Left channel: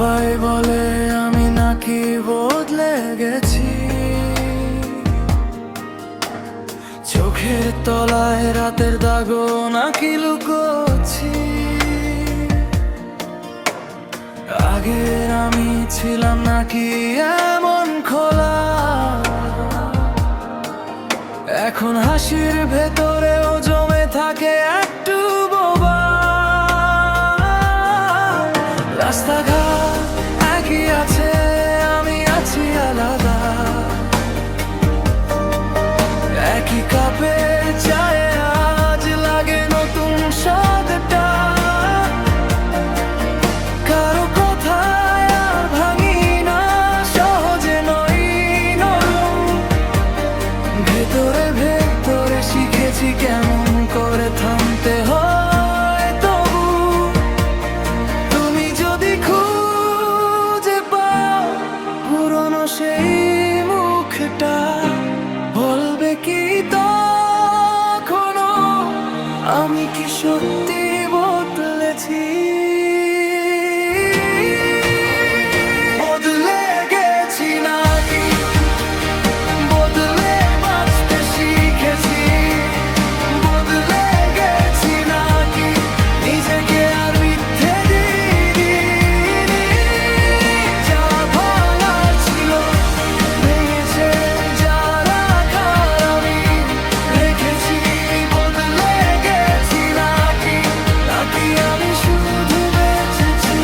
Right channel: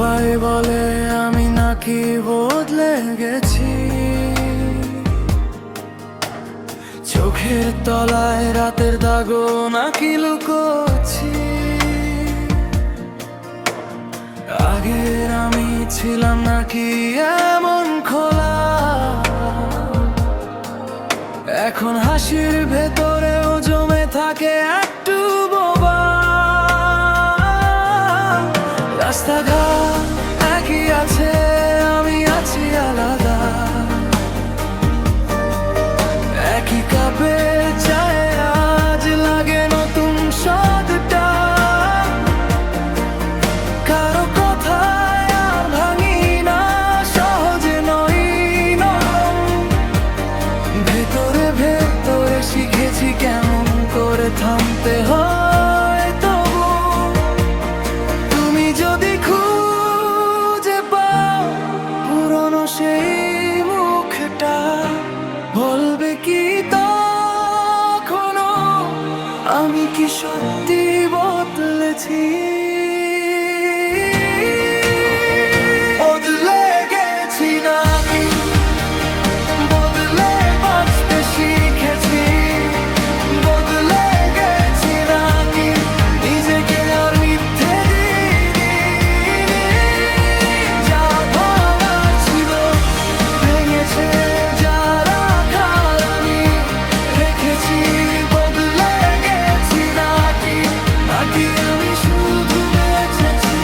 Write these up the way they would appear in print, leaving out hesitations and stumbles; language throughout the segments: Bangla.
সবাই বলে আমি নাকি বদলে গেছি, চোখের তলায় রাতের দাগও নাকি লুকোচ্ছি। আগের আমি ছিলাম নাকি এমন খোলা, এখন হাসির ভেতরেও জমে থাকে একটু বোবা। রাস্তাঘাট একই আছে, আমি আছি আলাদা। একই কাপের চায়ে আজ লাগে নতুন স্বাদটা। কারো কথায় আর ভাঙি না, সহজে নই নরম। ভেতরে ভেতরে শিখেছি কেমন করে থামতে হয়। তবু তুমি যদি খুঁজে পাও পুরনো সেই মুখটা, বলবে কি তখনো আমি কি সত্যি বদলেছি? বদলে গেছি নাকি বদলে বাঁচতে শিখেছি? বদলে গেছি নাকি নিজেকে আর মিথ্যে দিইনি? যা ভাঙার ছিল ভেঙেছে, যা রাখার আমি রেখেছি। বদলে গেছি নাকি নাকি আমি শুধু বেঁচেছি?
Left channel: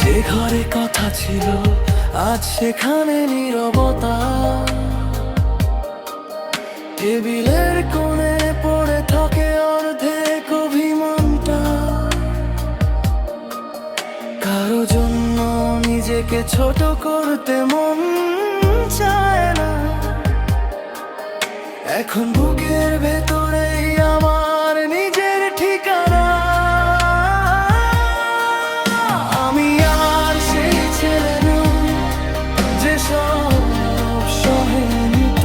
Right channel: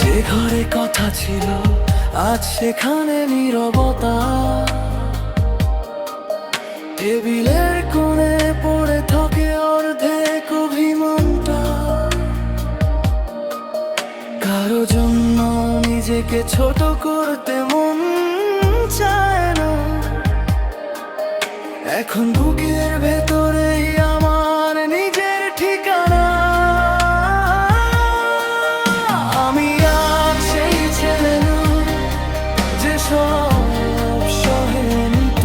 যে ঘরে কথা ছিল আজ সেখানে নীরবতা। টেবিলের কোণে পড়ে থাকে অর্ধেক অভিমানটা। কারো জন্য নিজেকে ছোট করতে মন চায় না। এখন বুকের ভেতরেই আমার নিজের ঠিকানা। আমি আর সেই ছেলে নই যে সব সহে নিত।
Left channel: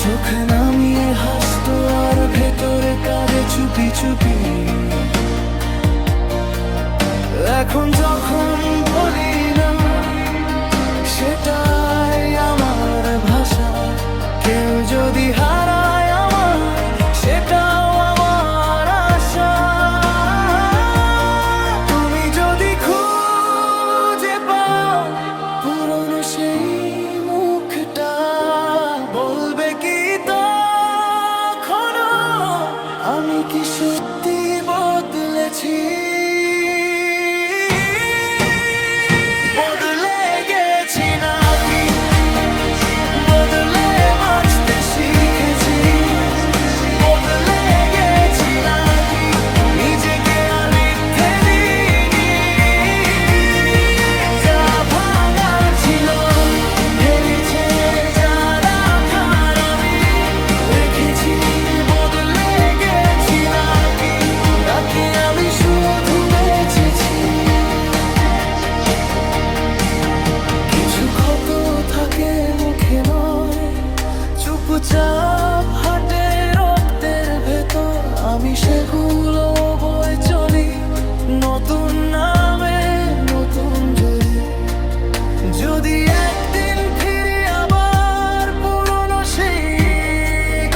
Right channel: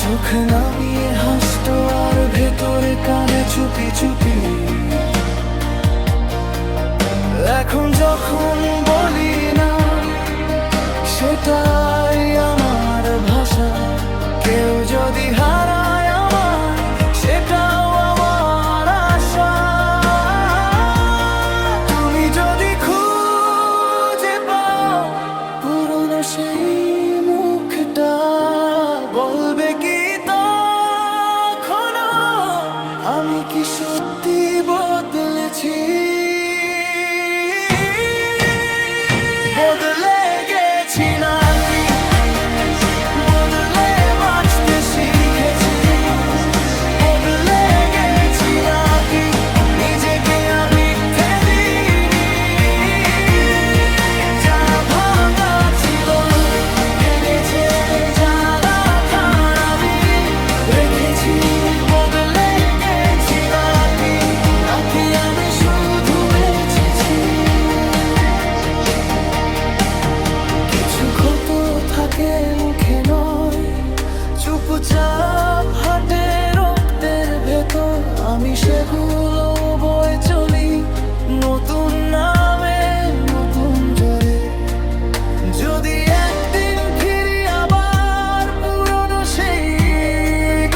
চোখ নামিয়ে হাসতো আর ভেতরে কাঁদে চুপি চুপি। এখন যখন বলি না সেটাই আমার ভাষা। কেউ যদি হারায় আমায় সেটাও আমার আশা। তুমি যদি খুঁজে পাও পুরনো সেই মুখটা, বলবে কি তখনো আমি কি সত্যি বদলেছি? বদলে গেছি নাকি বদলে বাঁচতে শিখেছি? বদলে গেছি নাকি নিজেকে আর মিথ্যে দিইনি? যা ভাঙার ছিল ভেঙেছে, যা রাখার আমি রেখেছি। বদলে গেছি নাকি নাকি আমি শুধু বেঁচেছি? কিছু ক্ষত থাকে মুখে নয়, চুপচাপ হাটে রক্তের ভেতর। আমি সেগুলো বয়ে চলি নতুন নামে নতুন জোরে। যদি একদিন ফিরি আবার পুরনো সেই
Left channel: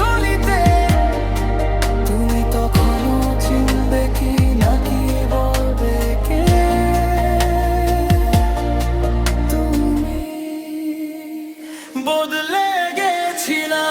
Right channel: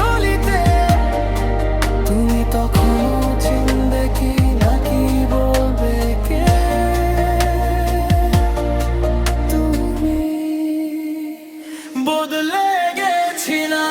গলিতে, তুমি তখনও চিনবে কি নাকি বলবে কে তুমি? বদলে গেছি না